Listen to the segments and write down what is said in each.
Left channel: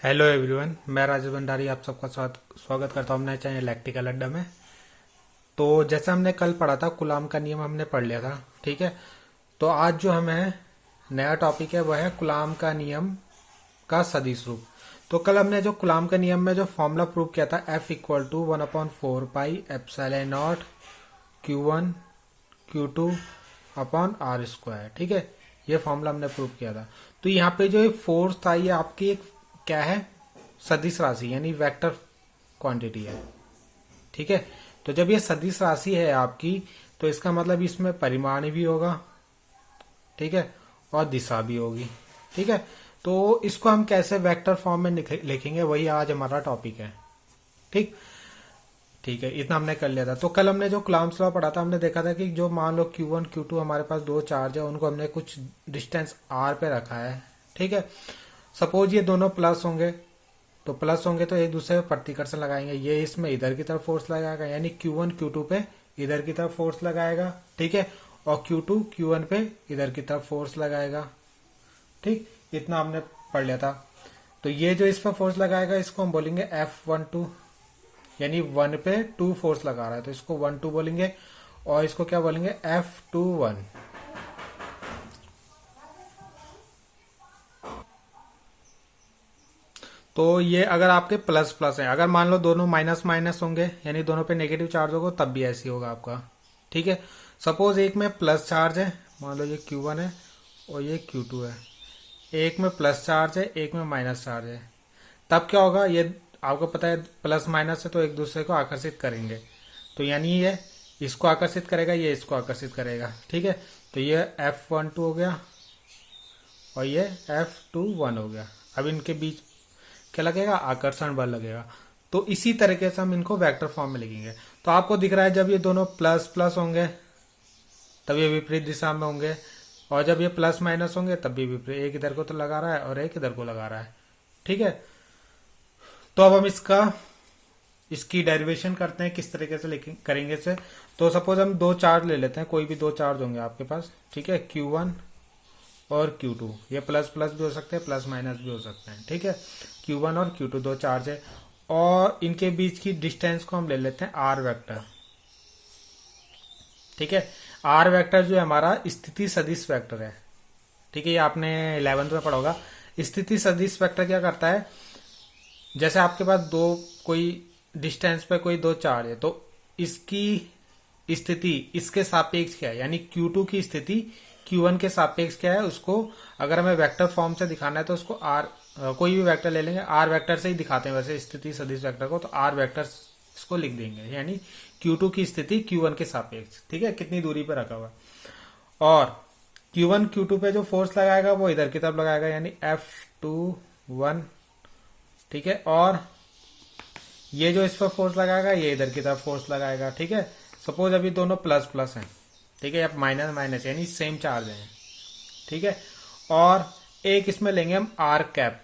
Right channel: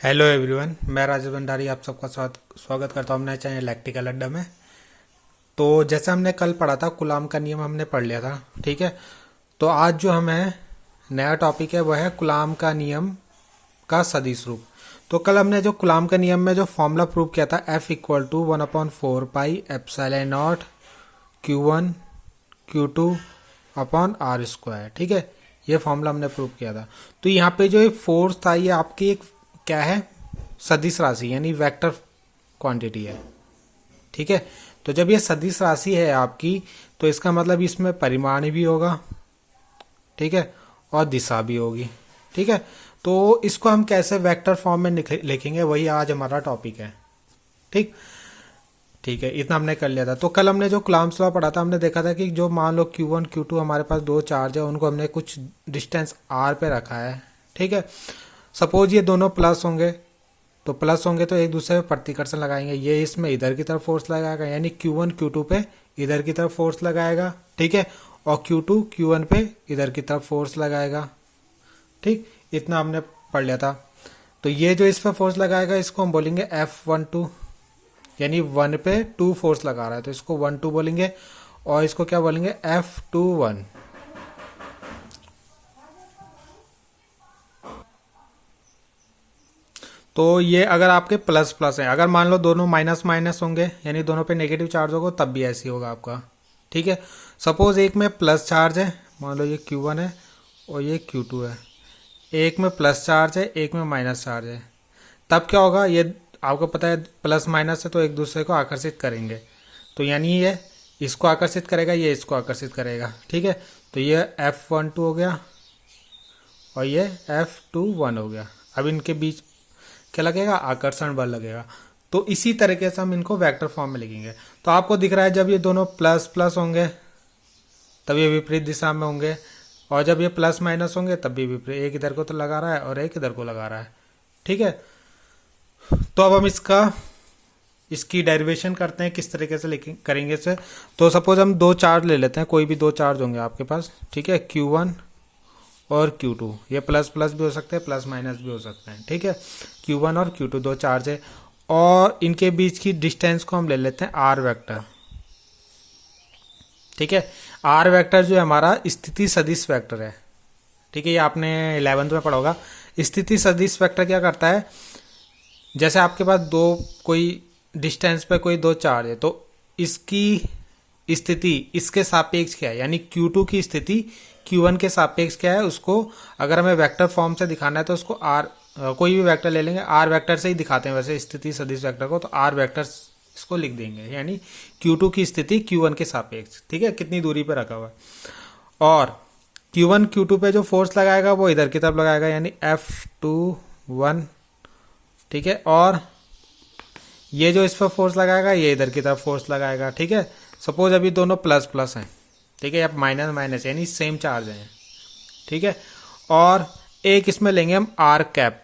Hello everyone, मैं राजेश भंडारी आप सबका स्वागत करता हूँ अपने चैनल इलेक्ट्रिकल अड्डा में। तो जैसे हमने कल पढ़ा था, कुलाम का नियम हमने पढ़ लिया था। ठीक है, तो आज जो हमें नया टॉपिक है वह है कुलाम का नियम का सदिश रूप। तो कल हमने जो कुलाम के नियम में जो फॉर्मूला प्रूव किया था, F=1/4πε0 Q1 Q2/r²। ठीक है, ये फॉर्मूला हमने प्रूव किया था। तो यहाँ पे जो एक फोर्स था, ये आपकी एक क्या है, सदिश राशि यानी वेक्टर क्वांटिटी है। ठीक है, तो जब ये सदिश राशि है आपकी, तो इसका मतलब इसमें परिमाण भी होगा। ठीक है, और दिशा भी होगी। ठीक है, तो इसको हम कैसे वेक्टर फॉर्म में लिखेंगे, वही आज हमारा टॉपिक है। ठीक ठीक है, इतना हमने कर लिया था। तो कल हमने जो कूलॉम्स लॉ पढ़ा था, हमने देखा था कि जो मान लो Q1 Q2 हमारे पास दो चार्ज है, उनको हमने कुछ डिस्टेंस r पे रखा है। ठीक है, सपोज ये दोनों प्लस होंगे, तो प्लस होंगे तो एक दूसरे पे प्रतिकर्षण लगाएंगे। ये इसमें इधर की तरफ फोर्स लगाएगा, यानी Q1 Q2 पे इधर की तरफ फोर्स लगाएगा। ठीक है, और Q2 Q1 पे इधर की तरफ फोर्स लगाएगा। ठीक, इतना हमने पढ़ लिया था। तो ये जो इस पर फोर्स लगाएगा, इसको हम बोलेंगे F12, यानी 1 पे 2 फोर्स लगा रहा है, तो इसको 1-2 बोलेंगे। और इसको क्या बोलेंगे, F21। तो ये अगर आपके प्लस प्लस है, अगर मान लो दोनों माइनस माइनस होंगे, यानी दोनों पे नेगेटिव चार्ज होगा, तब भी ऐसे होगा आपका। ठीक है, सपोज एक में प्लस चार्ज है, मान लो ये Q1 है और ये Q2 है। एक में प्लस चार्ज है, एक में माइनस चार्ज है, तब क्या होगा, ये आपको पता है प्लस माइनस है तो एक दूसरे को आकर्षित करेंगे। तो यानी ये इसको आकर्षित करेगा, ये इसको आकर्षित करेगा। ठीक है, तो ये F12 हो गया और ये F21 हो गया। अब इनके बीच क्या लगेगा, आकर्षण बल लगेगा। तो इसी तरीके से हम इनको वेक्टर फॉर्म में लिखेंगे। तो आपको दिख रहा है, जब ये दोनों प्लस प्लस होंगे तब ये विपरीत दिशा में होंगे, और जब ये प्लस माइनस होंगे तब भी विपरीत। एक इधर को तो लगा रहा है और एक इधर को लगा रहा है। ठीक है, तो अब हम इसकी डेरिवेशन करते हैं, किस तरीके से करेंगे इसे। तो सपोज हम दो चार्ज ले लेते हैं, कोई भी दो चार्ज होंगे आपके पास। ठीक है, Q1 और Q2, ये प्लस प्लस भी हो सकते हैं, प्लस माइनस भी हो सकते हैं। ठीक है, Q1 और Q2 दो चार्ज है, और इनके बीच की डिस्टेंस को हम ले लेते हैं R वेक्टर। ठीक है, R वेक्टर जो है हमारा स्थिति सदिश वेक्टर है। ठीक है, ये आपने 11th में पढ़ा होगा। स्थिति सदिश वेक्टर क्या करता है, जैसे आपके पास दो कोई डिस्टेंस पे कोई दो चार्ज है, तो इसकी स्थिति इसके सापेक्ष क्या है, यानी Q2 की स्थिति Q1 के सापेक्ष क्या है, उसको अगर हमें वेक्टर फॉर्म से दिखाना है तो उसको कोई भी वेक्टर ले लेंगे, R वेक्टर से ही दिखाते हैं वैसे स्थिति सदिश वेक्टर को, तो R वेक्टर इसको लिख देंगे, यानी Q2 की स्थिति Q1 के सापेक्ष। ठीक है, कितनी दूरी पर रखा हुआ है, और Q1 Q2 पे जो फोर्स लगाएगा वो इधर की तरफ लगाएगा, यानी F21। ठीक है, और ये जो इस पर फोर्स लगाएगा, ये इधर की तरफ फोर्स लगाएगा। ठीक है, सपोज अभी दोनों प्लस प्लस हैं। ठीक है, अब माइनस माइनस यानी सेम चार्ज हैं। ठीक है, और एक इसमें लेंगे हम आर कैप।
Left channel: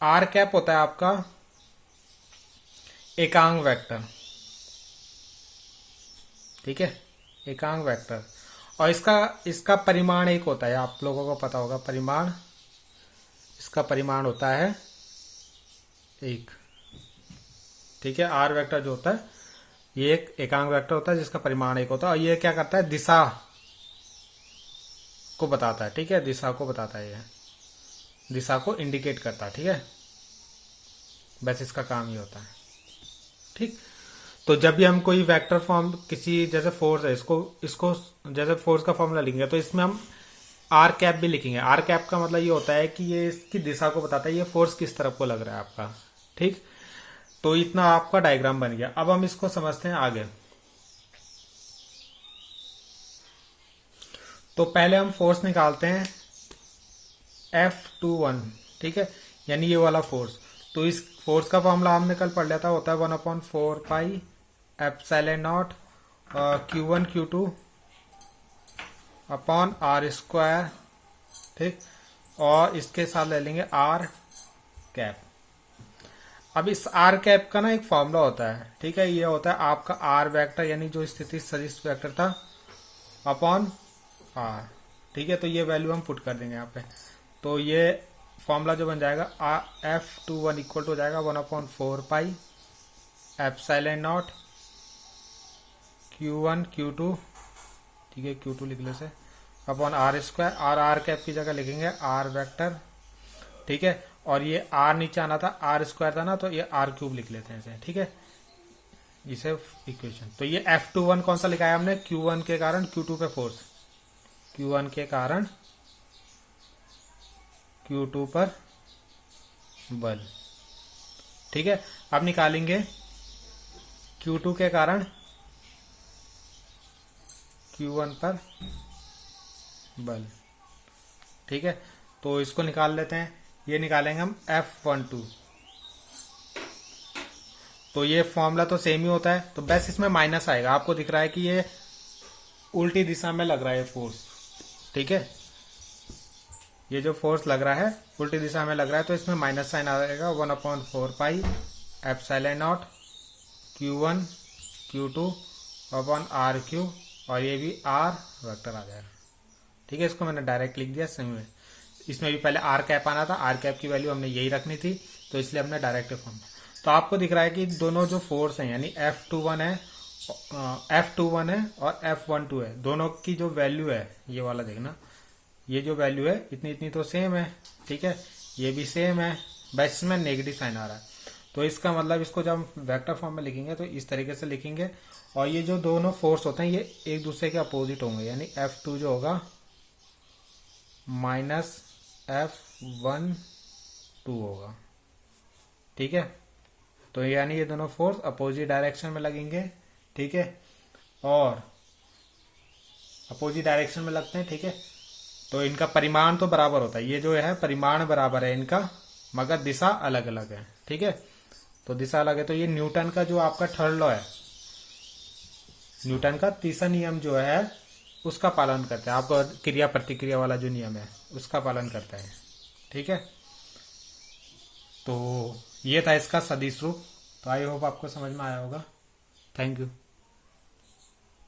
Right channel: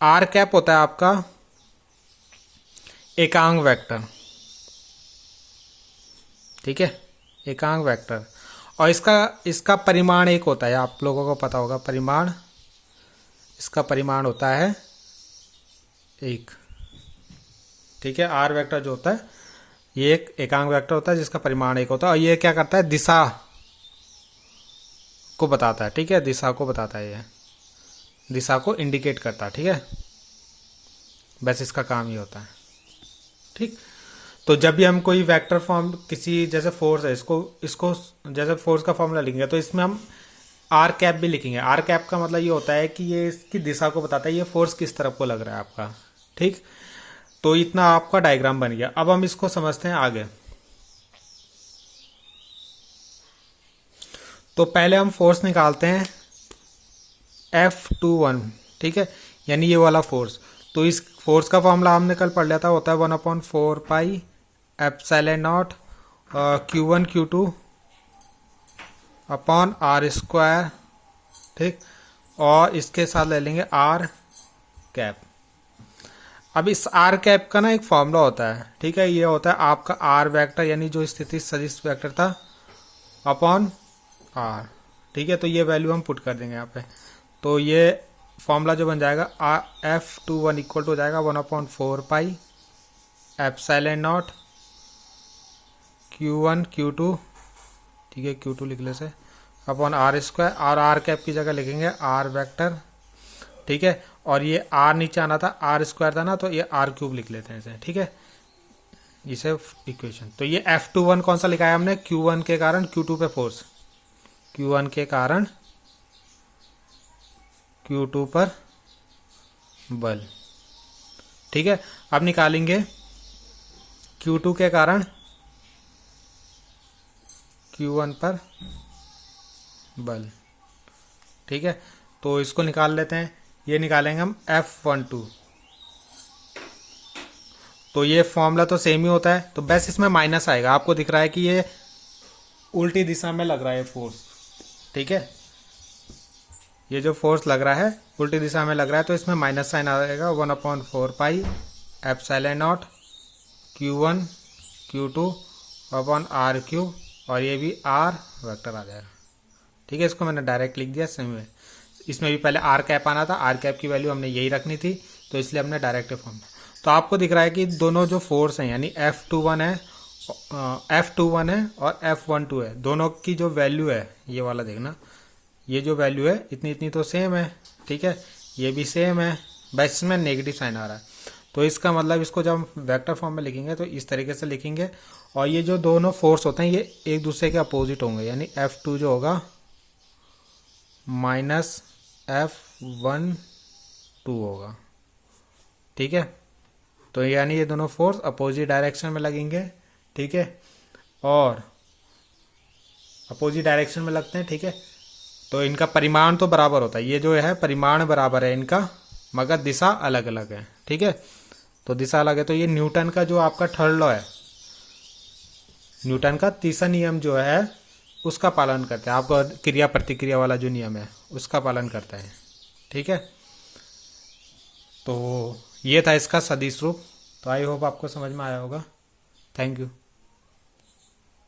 आर कैप होता है आपका एकांक वेक्टर। ठीक है, एकांक वेक्टर, और इसका परिमाण एक होता है, आप लोगों को पता होगा परिमाण, इसका परिमाण होता है एक। ठीक है, आर वेक्टर जो होता है ये एक एकांक वेक्टर होता है जिसका परिमाण एक होता है, और ये क्या करता है, दिशा को बताता है। ठीक है, दिशा को बताता है, ये दिशा को इंडिकेट करता है। ठीक है, बस इसका काम ही होता है। ठीक, तो जब भी हम कोई वेक्टर फॉर्म किसी, जैसे फोर्स है, इसको इसको जैसे फोर्स का फॉर्मूला लिखेंगे, तो इसमें हम आर कैप भी लिखेंगे। आर कैप का मतलब ये होता है कि ये इसकी दिशा को बताता है, ये फोर्स किस तरफ को लग रहा है आपका। ठीक, तो इतना आपका डायग्राम बन गया। अब हम इसको समझते हैं आगे। तो पहले हम फोर्स निकालते हैं F21। ठीक है, यानी ये वाला फोर्स। तो इस फोर्स का फॉर्मूला हमने कल पढ़ लिया था, होता है 1/4πε0 Q1 Q2 अपॉन R²। ठीक, और इसके साथ ले लेंगे R कैप। अब इस आर कैप का ना एक फॉर्मूला होता है। ठीक है, ये होता है आपका आर वेक्टर, यानी जो स्थिति सदिश वेक्टर था, अपॉन आर। ठीक है, तो ये वैल्यू हम पुट कर देंगे यहाँ पे। तो ये फॉर्मूला जो बन जाएगा F21 इक्वल टू हो जाएगा 1/4 pi epsilon naught Q1 Q2, ठीक है Q2 लिख ले से, अपॉन आर स्क्वायर, और आर कैप की जगह लिखेंगे आर वेक्टर, ठीक है। और ये आर नीचे आना था, आर स्क्वायर था ना, तो ये आर क्यूब लिख लेते हैं इसे, ठीक है, इसे इक्वेशन। तो ये F21 कौन सा लिखा है हमने, Q1 के कारण Q2 पे फोर्स, Q1 के कारण Q2 पर बल, ठीक है। अब निकालेंगे Q2 के कारण Q1 पर बल, ठीक है। तो इसको निकाल लेते हैं, ये निकालेंगे हम F12। तो ये फॉर्मूला तो सेम ही होता है, तो बस इसमें माइनस आएगा। आपको दिख रहा है कि ये उल्टी दिशा में लग रहा है फोर्स, ठीक है, ये जो फोर्स लग रहा है उल्टी दिशा में लग रहा है, तो इसमें माइनस साइन आएगा 1/4 pi epsilon naught Q1 Q2 upon r cube, और ये भी आर वेक्टर आ जाएगा, ठीक है। इसको मैंने डायरेक्ट लिख दिया सेम में, इसमें भी पहले आर कैप आना था, आर कैप की वैल्यू हमने यही रखनी थी, तो इसलिए हमने डायरेक्ट फॉर्म। तो आपको दिख रहा है कि दोनों जो फोर्स हैं यानी F21 है और F12 है, दोनों की जो वैल्यू है, ये वाला देखना, ये जो वैल्यू है इतनी इतनी तो सेम है, ठीक है, ये भी सेम है, बस इसमें नेगेटिव साइन आ रहा है। तो इसका मतलब इसको जब हम वेक्टर फॉर्म में लिखेंगे तो इस तरीके से लिखेंगे, और ये जो दोनों फोर्स होते हैं ये एक दूसरे के अपोजिट होंगे, यानी F2 जो होगा माइनस F12 होगा, ठीक है। तो यानी ये दोनों फोर्स अपोजिट डायरेक्शन में लगेंगे, ठीक है, और अपोजिट डायरेक्शन में लगते हैं, ठीक है। तो इनका परिमाण तो बराबर होता है, ये जो है परिमाण बराबर है इनका, मगर दिशा अलग अलग है, ठीक है। तो दिशा अलग है, तो ये न्यूटन का जो आपका थर्ड लॉ है, न्यूटन का तीसरा नियम जो है उसका पालन करता है, आपका क्रिया प्रतिक्रिया वाला जो नियम है उसका पालन करता है, ठीक है। तो ये था इसका सदिश रूप। तो आई होप आपको समझ में आया होगा। Thank you.